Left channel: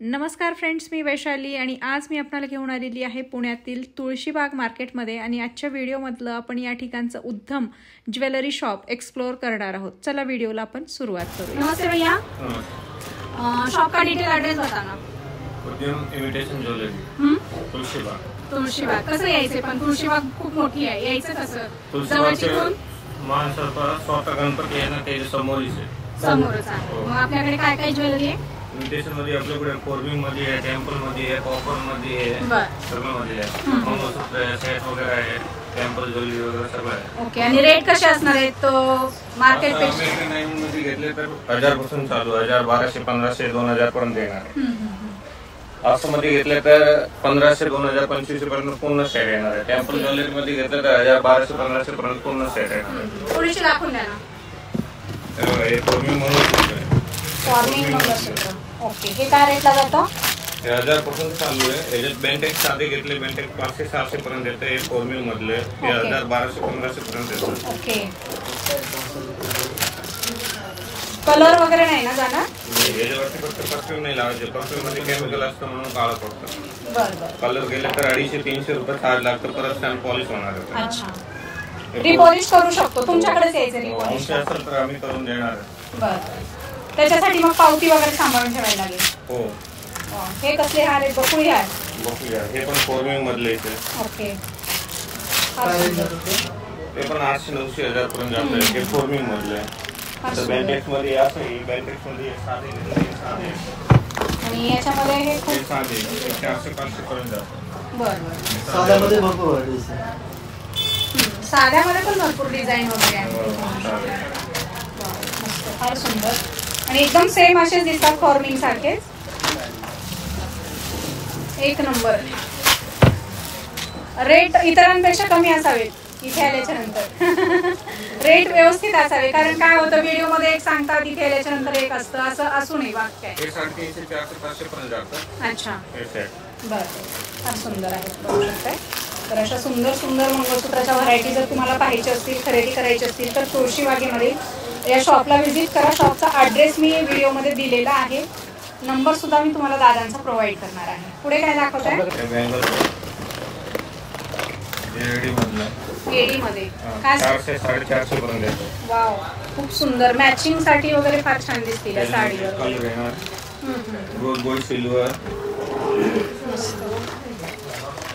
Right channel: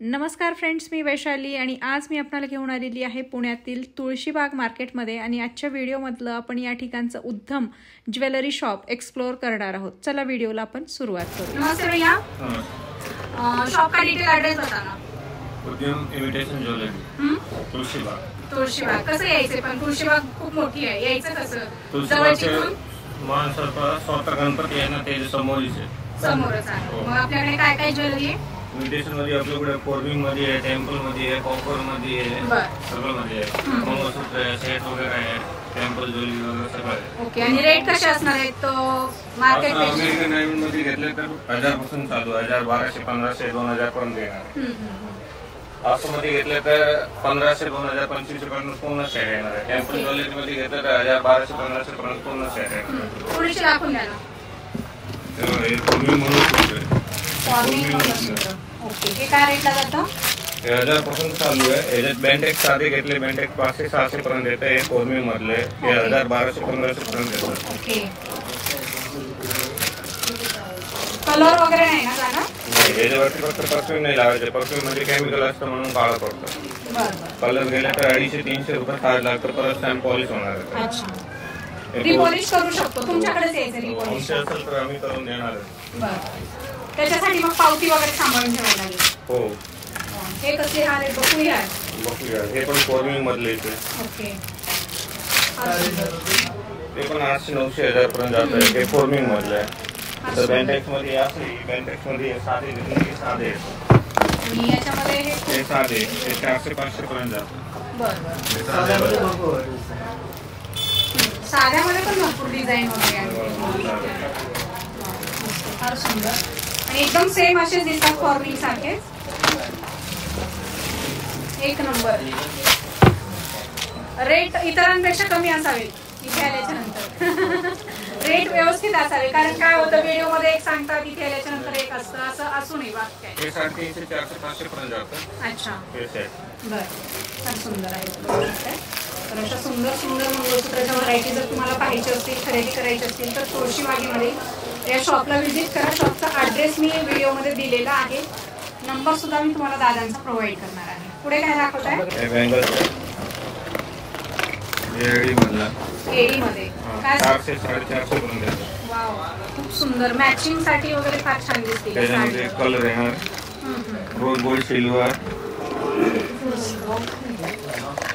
नमस्कार फ्रेंड्स, मी वैशाली आणि आज मी आपल्याला घेऊन आलेली आहे पुण्यातील तुळशीबाग मार्केटमध्ये आणि आजच्या व्हिडिओमधलं आपण या ठिकाणचं उद्धम ज्वेलरी शॉप एक्सप्लोर करणार आहोत. चला व्हिडिओला आपण सुरुवात करूया. नमस्ते भैया, शॉप का डिटेल एड्रेस बताना. उद्यम इमिटेशन ज्वेलरी, तुळशीबाग. कसं यायचं? पण तुळशीबाग खूप मोठी आहे, यायचं कसं? तुळशीबागचे मान स्वतः गणपती आहे ना, ते समोरच आहे. मग आपल्याकडे काय काय ज्वेलरी आहे? इमिटेशन मध्ये आपल्याकडे कोर्बिंग मध्ये आहे, टेम्पल मध्ये आहे, कॉपर मध्ये आहे, सगळं मध्ये आहे. मंगळसूत्र आहे, सेट वगैरे आहे, टेम्पल ज्वेलरी वगैरे सगळं आहे. ओके. आणि रेट कसे असणार आहेत? तो मार्केट अमेरिकन डायमंड मध्ये घेतले तर 1000 पासून चालू, 1000, 1200, 1500, 2000 पर्यंत येणार. असं मध्ये घेतलं तर 1500, 2000, 2500 पर्यंत पूर्ण सेट येणार आहे. टेम्पल ज्वेलरी मध्ये घेतलं तर 1000, 1200, 1500 पर्यंत पूर्ण सेट आहे. थोडीशी दाखवून द्या ना. हे कोर्बिंग म्हणून ओके. हे काय रेटला जातं? 1000 पासून चालू आहे. याच्यात बँटेक साधे घेतले, बँटेक 500, 600 पर्यंत येतं. हे कोर्बिंग मधले 1000, 1200, 1500 पर्यंत येतं. ओके. कलर वगैरे नाही ना जाणार? नाही, याच्यावरती फक्त परफ्यूम नाही लावायचे. परफ्यूम मध्ये केमिकल असतं म्हणून काळं पडतं. बरं. कलर गेले तर 250-300 रुपये चार्ज लागतं. परत स्टॅम्प पॉलिश होणार आहे. अच्छा. रिपॉलिश करू शकतो? तुमच्याकडेच यायचं रिपॉलिश असेल तर आम्ही करून देणार आहे. बरं. त्याच्यासाठी मग पावती वगैरे सांभाळून ठेवायला लागेल. हो. हे कसले हार आहेत? बकुळी हार. हे पण कोर्बिंग मधले येते. ओके. ते पण 800-900 हजार पर्यंत जातं. हे कोर्बिंग मधले आहे. बँटेक्स मध्ये असं, बँटेक्स मध्ये साधे येतं. आणि याच्यामध्ये हे साधे 400-500 पर्यंत जातं. बरं. साध्यामध्ये पण भरपूर डिझाईन वगैरे आहे. फार सुंदर आणि एकदम सेम असेच दिसतात फॉर्मिंग सारखे. एक नंबर. रेट इतरांपेक्षा कमी असावेत इथे आल्याच्या नंतर. रेट व्यवस्थित असावे, कारण काय होतं व्हिडिओ मध्ये एक सांगतात, इथे आल्याच्या नंतर एक असतं, असं असू नये. वाक्य काय? 350, 400, 500 पर्यंत जातं. अच्छा. बरं. फार सुंदर आहे. तर अशा सुंदर सुंदर मंगळसूत्राच्या व्हरायटी जर तुम्हाला पाहायची असतील, खरेदी करायची असतील तर तुळशीबागेमध्ये या शॉपला व्हिजिट करा. शॉपचा ॲड्रेस मी व्हिडिओमध्ये दिलेला आहे. नंबर सुद्धा मी तुम्हाला दादांचा प्रोव्हाइड करणार आहे. पुढे काय दाखवत आहे? एडी मध्ये काय? 400-450 पर्यंत येतं. वाव, खूप सुंदर. मॅचिंग साठी वगैरे फार छान दिसतील या साडीवर. कलर येणार रोज गोल्ड सिल्वर.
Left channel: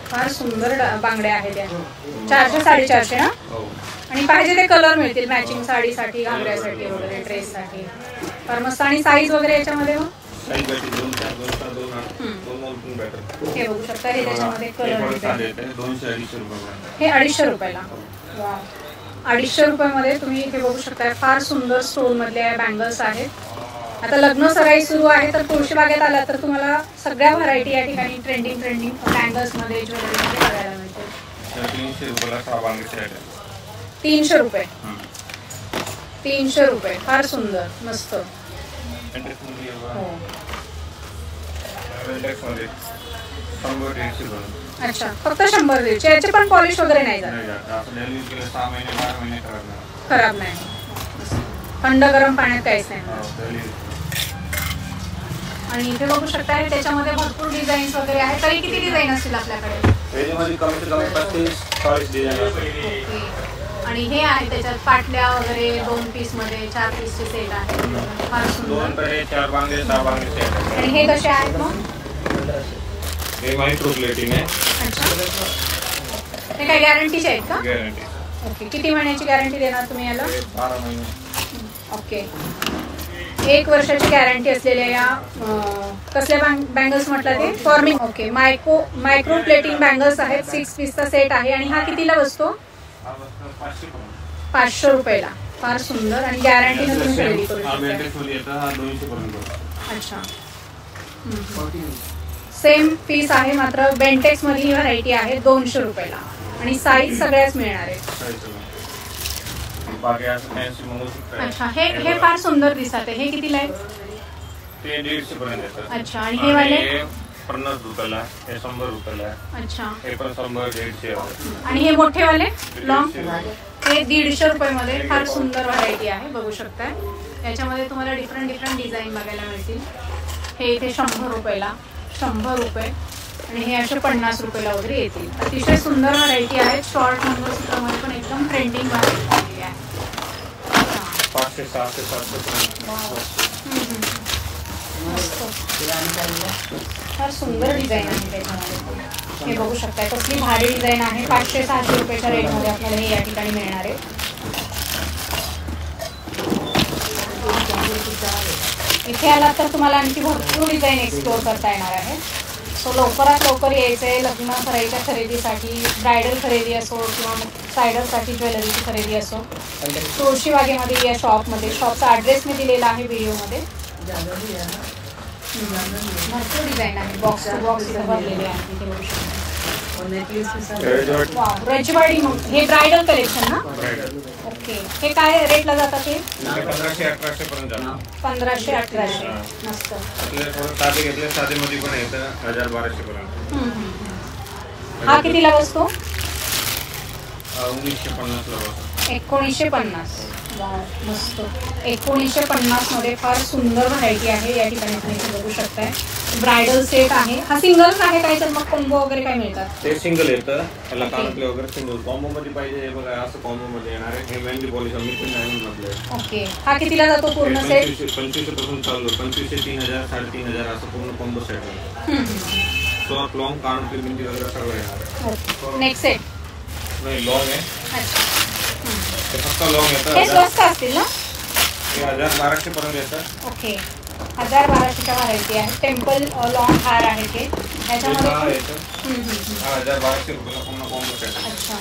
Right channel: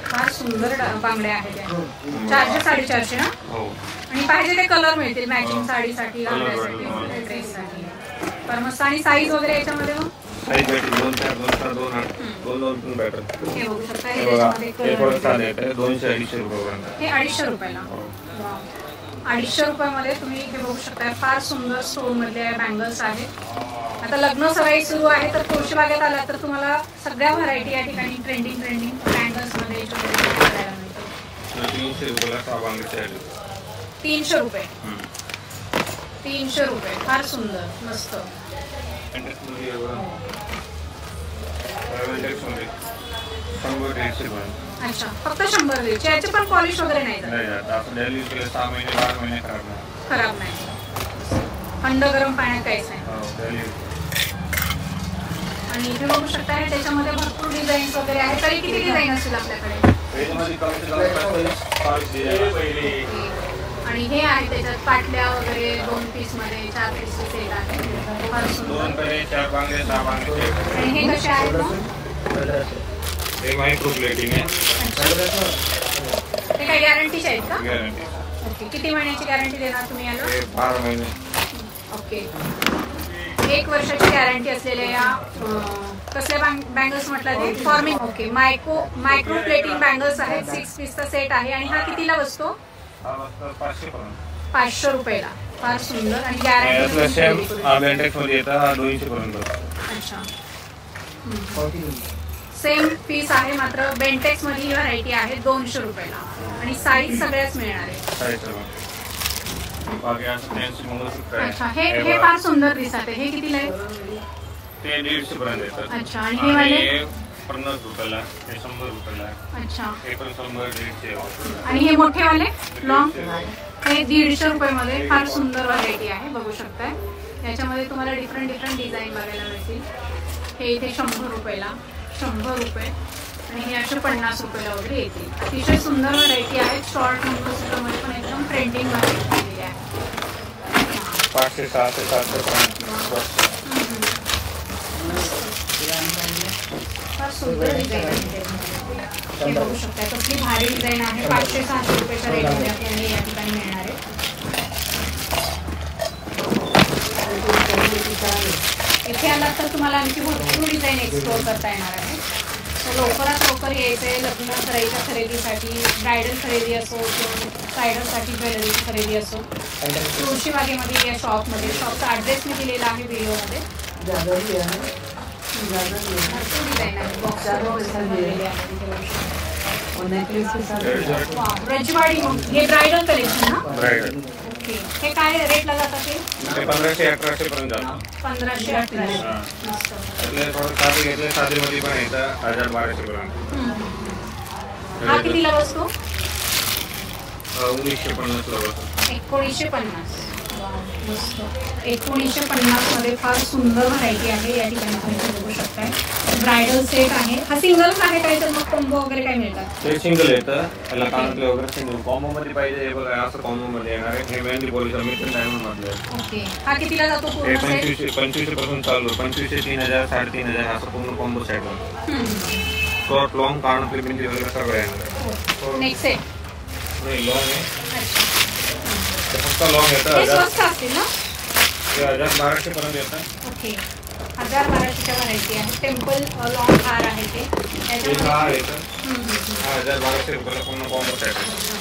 फार सुंदर बांगड्या आहेत या. 400-450 ना? हो. आणि पाहिजे ते कलर मिळतील मॅचिंग साडीसाठी, घागऱ्यासाठी वगैरे, ड्रेससाठी. फार मस्त. आणि साईज वगैरे याच्यामध्ये मग हे बघू शकता. हे त्याच्यामध्ये कलर 200-250 रुपये. हे 250 रुपयाला. वाव, 250 रुपयामध्ये तुम्ही हे बघू शकता. फार सुंदर स्टोन मधले बँगल्स आहेत. आता लग्न सराई सुरू आहे तर तुळशीबागेत आला तर तुम्हाला सगळ्या व्हरायटी या ठिकाणी ट्रेंडिंग बँगल्स मध्ये ज्वेलरी बघायला मिळते. 300 रुपयाला 6 बांगडे. 300 रुपये. 300 रुपये. फार सुंदर, मस्त. अच्छा, फक्त 100-150. याचे पण पॉलिश वगैरे नाही जात? 6 महिने 12 महिने खराब नाही. थंड गरम पाण्यात काहीच नाही. आणि इथे बघू शकता त्याच्यामध्ये भरपूर डिझाईन्स वगैरे आहेत. तरी किती डिझाईन असतील आपल्याकडे? आणि हे आहे त्याच्यात पाटल्या वगैरे 2 पीस मध्ये 4 पीसचे सेट आहे. फार सुंदर. आणि हे कसे आहेत मग? मायक्रो प्लेटिंग आहे. अच्छा. हे काय गॅरंटीचे आहेत का? गॅरंटी. ओके. किती महिन्याची गॅरंटी देणार तुम्ही याला? 12 महिने. ओके. 1 वर्षाची गॅरंटी असलेल्या या कसल्या बँगल्स म्हटलं ते? Forming. Okay. Micro plating bangles आहेत. 6 पीसचा सेट आहे. आणि हा कितीला बसतो? 500 रुपयाला. फार सुंदर. आणि गॅरंटी तुम्ही खरेदी करू शकता. अच्छा. सेम पीस आहे, मात्र बेंटेक्स मध्ये ही व्हरायटी आहे 200 रुपयाला. आणि साईज सगळ्याच मिळणार आहे. अच्छा. हे फार सुंदर दिसत आहे. हे कितीला आहे? ते 150 पर्यंत येतं. अच्छा. आणि हे वाले 50 रुपयाला, हे 100 रुपयाला. अच्छा. हे पण 100-150. आणि हे मोठे वाले लॉंग हे 150 रुपयामध्ये फार सुंदर व्हरायटी आहे. बघू शकताय. याच्यामध्ये तुम्हाला डिफरंट डिझाईन बघायला मिळतील. हे इथे 100 रुपयाला, 100 रुपये आणि हे असे 50 रुपयाला वगैरे येतील. अतिशय सुंदर व्हरायटी आहेत. शॉर्ट मंगळसूत्रामध्ये पण एकदम ट्रेंडिंग व्हरायटी आलेली आहे. 500, 600, 700. फार सुंदर डिझाईन आहे त्याच्यामध्ये. हे बघू शकता कसली भारी डिझाईन आहे. 500-600 रुपयाच्या रेटमध्ये आपल्याला हे या ठिकाणी मिळणार आहे. इथे आलात तर तुम्हाला आणखी भरपूर डिझाईन एक्सप्लोर करता येणार आहे. सो लवकरात लवकर यायचंय. लग्न करायच्या खरेदीसाठी, ब्रायडल खरेदी असो किंवा सायडरसाठी ज्वेलरीची खरेदी असो, तुळशीबागेमध्ये या शॉपमध्ये. शॉपचा ॲड्रेस मी दिलेला आहे व्हिडिओमध्ये. भरपूर डिझाईन आहे. बॉक्स टू बॉक्स इथं बनलेले आहे. तिथे बघू शकता. रजवाडी. मग हे ब्रायडल कलेक्शन ना? ब्रायडल. ओके. हे काय रेटला जातात? ते 1500-1800 पर्यंत जातात. 1500-1800. मस्त. आपल्याला थोडं साधे घेतले, साधेमध्ये पण येतं 1000-1200 पर्यंत. हा कितीला बसतो? 1950 ला बसतो. 1950. मस्त. 1950 मध्ये फार सुंदर व्हरायटी आहे. या ठिकाणी तुम्ही बघू शकताय. ब्रायडल सेट आहे. हा सिंगलच आहे काय तर मग कॉम्बो वगैरे काय मिळतात? ते सिंगल येतं. त्याला कानातले वगैरे सिंगल. कॉम्बो मध्ये पाहिजे हे बघा, असं कॉम्बो मध्ये येणार आहे. हे मेहंदी पॉलिश मिशन डायमंड मधले. ओके. हा कितीला जातो पूर्ण सेट? 2500 पासून चालू. 2500 ते 3000, 3500 असं पूर्ण कॉम्बो सेट आहे. शॉर्ट लॉंग कानातले बिंदी वगैरे सगळं येणार आहे. नेक्स्ट सेट नाही लॉंग आहे. अच्छा. ते फक्त लॉंग येतं. हे स्वस्त असतील ना? हे 1000-1200 पर्यंत येतं. ओके. 1000-1200च्या व्हरायटी आहे. टेम्पल लॉंग हार आहे ते. त्याच्यामध्ये 1000-1200 रुपयाला पूर्ण कॉम्बो सेट. अच्छा.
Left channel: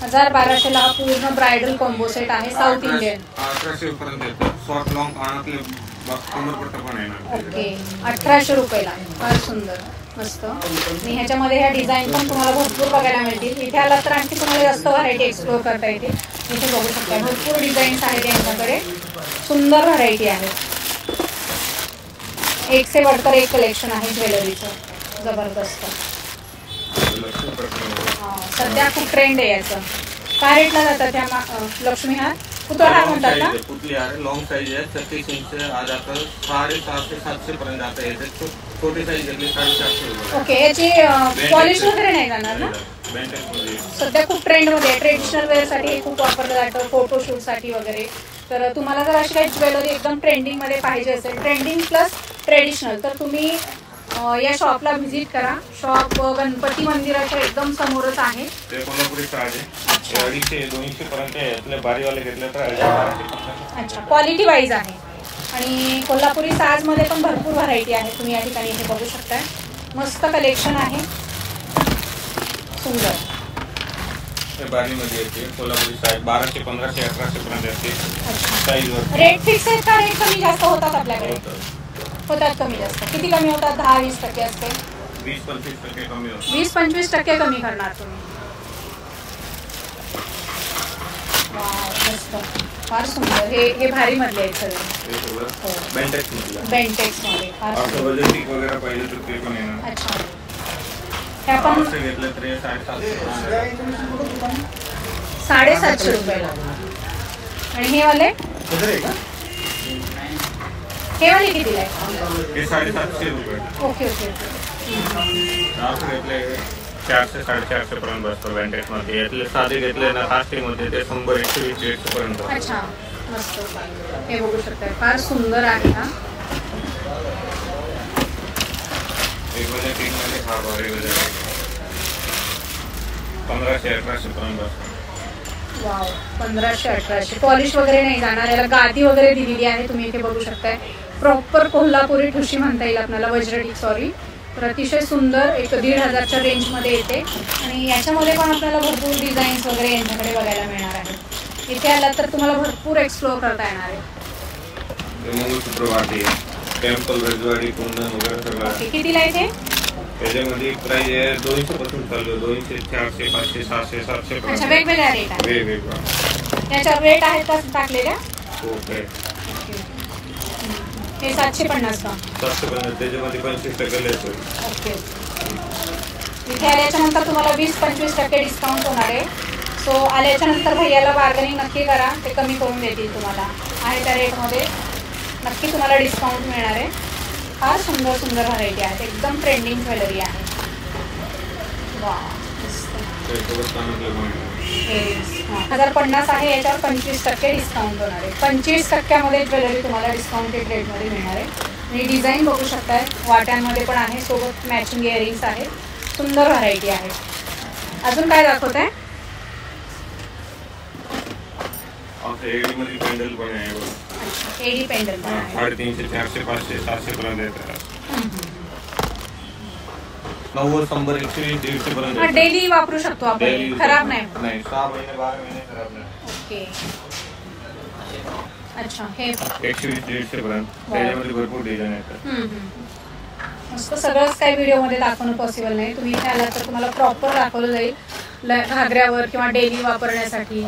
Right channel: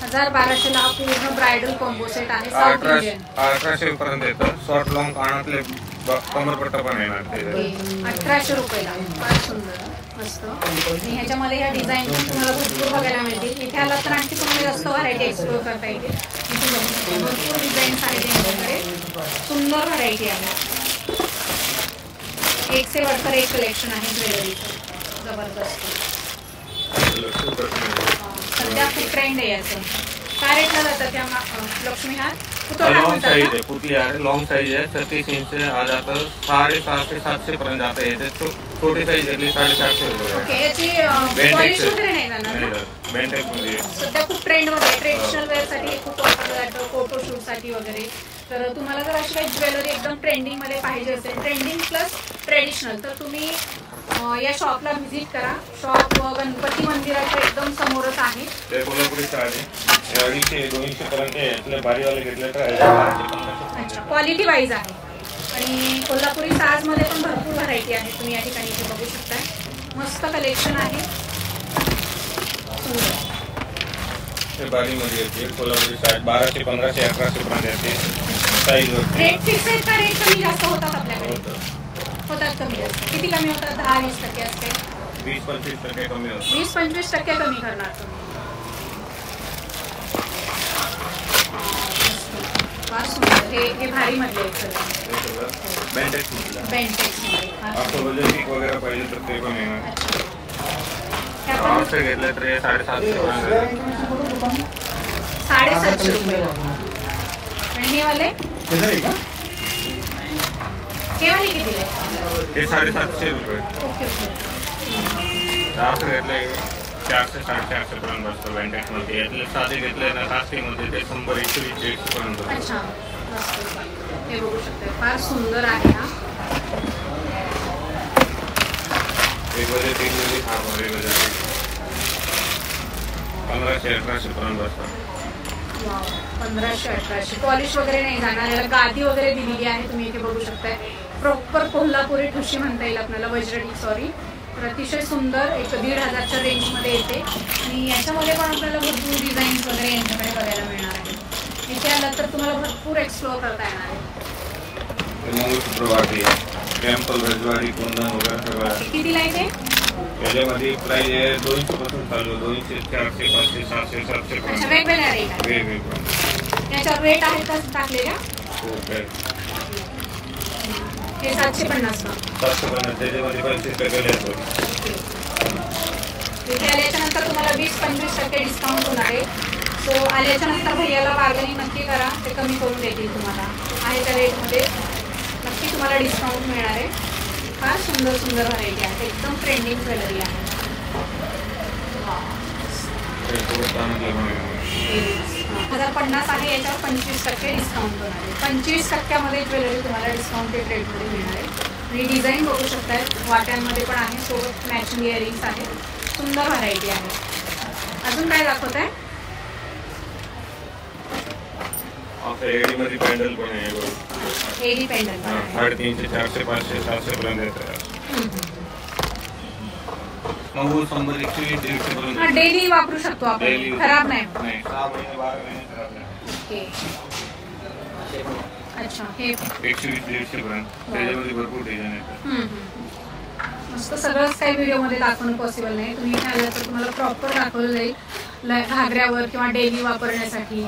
1000-1200ला हा पूर्ण ब्रायडल कॉम्बो सेट आहे. South Indian. 1800 पर्यंत येतं. शॉर्ट लॉंग कानातले कमरपट्टा पण येणार. ओके. 1800 रुपयाला. फार सुंदर. मस्त. आणि ह्याच्यामध्ये ह्या डिझाईन पण तुम्हाला भरपूर बघायला मिळतील. इथे आला तर आणखी तुम्हाला जास्त व्हरायटी एक्सप्लोर करता येते. इथे बघू शकता भरपूर डिझाईन्स आहेत यांच्याकडे. सुंदर व्हरायटी आहे. एक से बढ़कर एक कलेक्शन आहे ज्वेलरीचं. जबरदस्त. सध्या खूप ट्रेंड आहे याचं. काय रेटला जातात त्या लक्ष्मी हार? पुतळा म्हणतात का? पुतली हार लॉंग साईज आहे. 36 इंच आ जातं. 650-700 पर्यंत जातं. याचे छोटी साईज घेतली 750 रुपये. ओके. याची पॉलिश वगैरे नाही जाणार ना? सध्या खूप ट्रेंड मध्ये. ट्रेडिशनल वेअर साठी हे खूप वापरलं जातं. फोटोशूट साठी वगैरे. तर तुम्हाला जर अशी काही ज्वेलरी एकदम ट्रेंडिंग मध्ये पाहिजे असेल, ट्रेंडिंग प्लस ट्रेडिशनल, तर तुम्ही या शॉपला व्हिजिट करा. शॉप गणपती मंदिराच्या एकदम समोरच आहे. ते कोल्हापुरी साज आहे. 250-200 पर्यंत आहे. बारीवाले घेतले तर 1000-1200. अच्छा. क्वालिटी वाईज आहे. आणि कोल्हापुरी साज मध्ये पण भरपूर व्हरायटी आहे. तुम्ही या ठिकाणी इथे बघू शकताय. मस्त कलेक्शन आहे. सुंदर. हे बारीमध्ये येते. कोल्हापुरी साज 1200, 1500, 1800 पर्यंत येते. साईज वर रेट फिक्स आहे का? रेट कमी जास्त होतात आपल्याकडे? होतात कमी जास्त. किती कमी होतात? 10-20% असते. 20-25% कमी होतं. 20-25% कमी करणार तुम्ही. मस्त. फार सुंदर. हे भारी मधले आहेत सगळे. बेंटेक्स मधलं. बेंटेक्स मध्ये. फार बजेटिक वगैरे पाहिजे तर ते पण येणार. अच्छा. आपण घेतलं तर 750. 750 रुपयाला. आणि हे वाले कितीला आहे? हे 750 रुपये. Okay okay. 400 घेतले 400-450 पर्यंत बसतो बेंटेक्स मध्ये. यातले साधे घेतले ना 700 मध्ये ते 100-120 पर्यंत. अच्छा. मस्त. हे बघू शकता. फार सुंदर आहे हा. एक बजेट मध्ये हा बरे बजेट 1500-1800 पर्यंत बसतो. वाव. 1500-1800. पॉलिश वगैरे नाही जाणार. याला गादी वगैरे दिलेली आहे. तुम्ही इथे बघू शकताय. प्रॉपर कोल्हापुरी ठुशी म्हणता येईल आपल्याला. वज्रटिक सॉरी. तर अतिशय सुंदर. एक 1500च्या रेंज मध्ये येते. आणि याच्यामध्ये पण आपल्याला भरपूर डिझाईन्स वगैरे यांच्याकडे बघायला मिळणार आहेत. इथे आलात तर तुम्हाला भरपूर एक्सप्लोर करता येणार आहे. मंगळसूत्र बाकी आहे. टेम्पल, रजवाडी, कुंदन वगैरे सगळं. कितीला आहे ते? याच्यामध्ये प्राइस आहे 200 पासून चालू. 200, 400, 500, 700, 700 अच्छा. वेगवेगळ्या रेट आहे. वेगवेगळा. याच्यावर रेट आहेत का टाकलेल्या? हो काय. हे 750 का? 750. त्याच्यामध्ये 25% येतो. ओके. इथे आल्याच्या नंतर तुम्हाला 20-25% डिस्काउंट होणार आहे. सो आल्याच्या नंतर भैयाला बार्गनिंग नक्की करा. ते कमी करून देतील तुम्हाला. आहे त्या रेटमध्ये नक्की तुम्हाला डिस्काउंट मिळणार आहे. फार सुंदर सुंदर व्हरायटी आहेत, एकदम ट्रेंडिंग ज्वेलरी आहे. वा 1050 आहे, याच्यावर 25% डिस्काउंट होणार आहे. 25% ज्वेलरी तुम्हाला डिस्काउंटेड रेटमध्ये मिळणार आहे. आणि डिझाईन बघू शकताय, वाट्यांमध्ये पण आहे, सोबत मॅचिंग इयरिंग्स आहे. सुंदर व्हरायटी आहे. अजून काय दाखवत आहे? एडी मध्ये पेंडल पण आहे. अच्छा, एडी पेंडल पण आहे. 350, 400, 500, 700 पर्यंत येतात. 90, 100, 120, 150 पर्यंत डेली वापरू शकतो आपण, खराब नाही. 6 महिने 12 महिने खराब नाही. ओके. अच्छा, हे 120, 150 पर्यंत. त्याच्यामध्ये भरपूर डिझाईन आहेत. मस्त. सगळंच काही व्हिडिओमध्ये दाखवणं पॉसिबल नाही. तुम्ही इथे आलात तर तुम्हाला प्रॉपर दाखवलं जाईल, घागऱ्यावर किंवा डेली वापरण्यासाठी.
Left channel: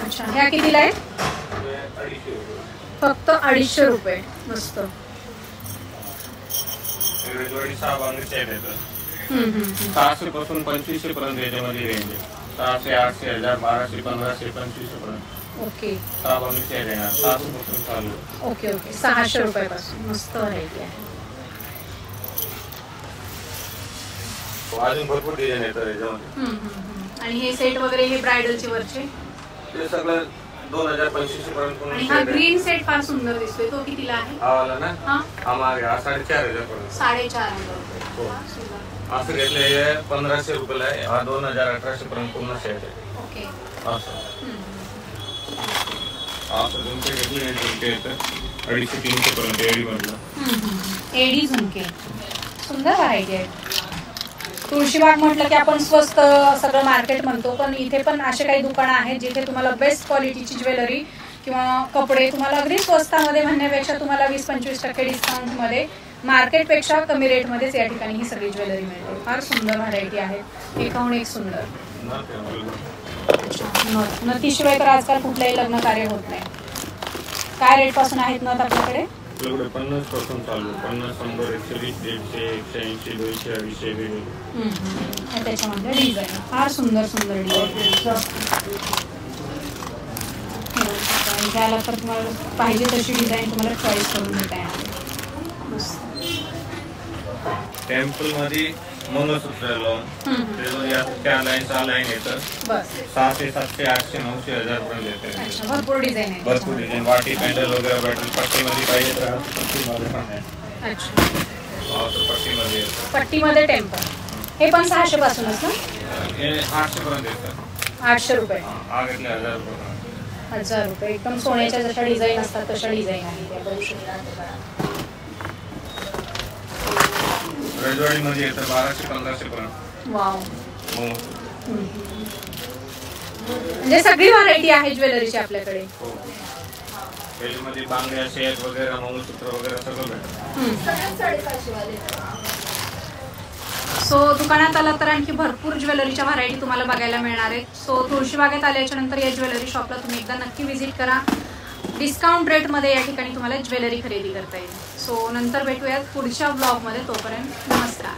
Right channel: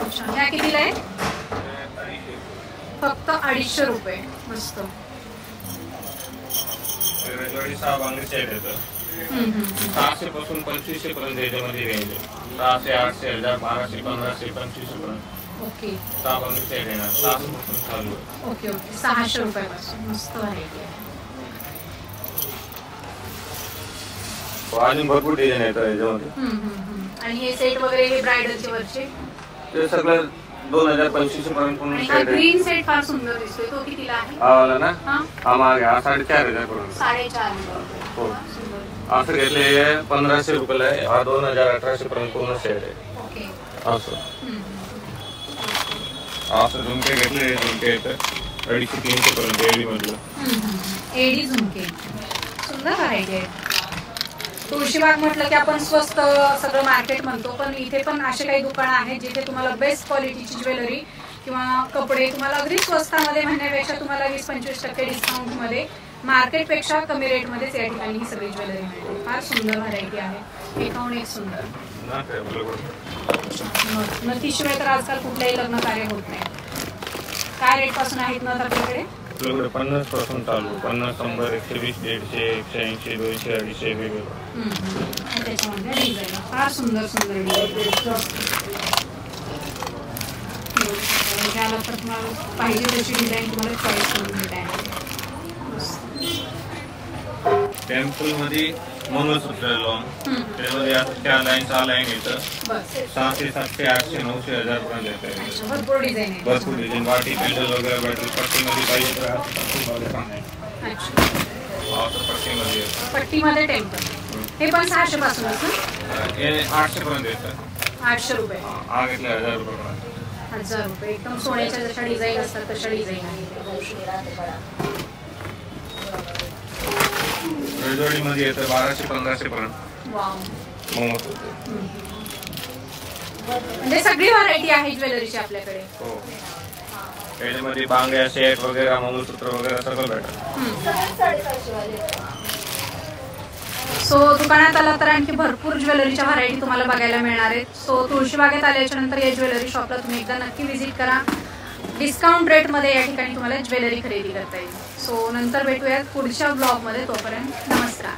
अच्छा, ह्या कितीला आहे? फक्त 250 रुपये. मस्त. 6 बांगडीचे आहेत. 600 पासून 2500 पर्यंत याच्यामध्ये रेंज आहे. 600, 800, 1000, 1200, 1500, 2500 पर्यंत. ओके. 6 बांगडीचे आहेत येणार. 600 पासून चालू आहे. Okay okay. 600 रुपयापासून. मस्त व्हरायटी आहे. अजून भरपूर डिझाईन येतात याच्यामध्ये. आणि हे सेट वगैरे हे ब्रायडलचे वरचे ते सगळं 2000-2500 पर्यंत. आणि हा ग्रीन सेट फार सुंदर दिसतोय. तो कितीला आहे? ना हा मागे 4500 पर्यंत. 4500 रुपये. असं घेतले 1500 रुपयाला आहे. हा 2000-1800 पर्यंत पूर्ण सेट आहे. ओके. असं झुमके घेतले, झुमके येतात 250-300 पर्यंत. एडी मधलं एडी झुमके. सुंदर व्हरायटी आहे. तुळशीबाग म्हटलं की आपण स्वस्त सगळं मार्केट म्हणतो, पण इथे पण असे काही दुकानं आहेत जिथे तुम्हाला बेस्ट क्वालिटीची ज्वेलरी किंवा कपडे तुम्हाला अगदी स्वस्तामध्ये म्हणण्यापेक्षा तुम्हाला 20-25% डिस्काउंटमध्ये मार्केटपेक्षा कमी रेटमध्येच या ठिकाणी ही सगळी ज्वेलरी मिळते. फार सुंदर व्हरायटी आहे, एकाहून एक सुंदर. नथीशिवाय तर आजकाल कुठल्याही लग्न कार्य होत नाही. काय रेट पासून आहेत नथ आपल्याकडे? 50 पासून चालू. 50, 100, 120, 150, 180, 200, 250. त्याच्यामध्ये डिझाईन फार सुंदर सुंदर डिझाईन. घ्यायला तर तुम्हाला पाहिजे तशी डिझाईन तुम्हाला चॉईस करून देता येणार. टेम्पल मध्ये मंगळसूत्र लावून त्यामध्ये 4 लाईन 6 लाईन येतं. 600, 700, 800, 900, 1000 पर्यंत येतं. भरपूर डिझाईन आहे. भरपूर डिझाईन. वाटी पेंडल वगैरे बॅटल पट्टीमध्ये पाहिजे तर पट्टीमध्ये पण आहे. पट्टीमध्ये पट्टीमध्ये टेम्पल. हे पण 600 पासूनच ना? 800 पर्यंत येतं. 800 रुपये. हा घेतले 1000 रुपये पर्यंत. 1000 रुपये. एकदम सोन्याच्या जशा डिझाईन असतात तशा डिझाईन आहे. रजवाडीमध्ये येतं 1200-1500 पर्यंत. वाव. म्हणजे सगळी व्हरायटी आहे ज्वेलरीची आपल्याकडे. त्याच्यामध्ये बांगड्या, सेट वगैरे, मंगळसूत्र वगैरे सगळं भेटतं. सो दुकानात आला तर आणखी भरपूर ज्वेलरीच्या व्हरायटी तुम्हाला बघायला मिळणार आहेत. सो तुळशीबागेत आल्याच्या नंतर या ज्वेलरी शॉपला तुम्ही एकदा नक्की व्हिजिट करा. डिस्काउंट रेटमध्ये या ठिकाणी तुम्हाला ज्वेलरी खरेदी करता येईल. सो नंतर भेटूयात पुढच्या ब्लॉगमध्ये. तोपर्यंत नमस्कार.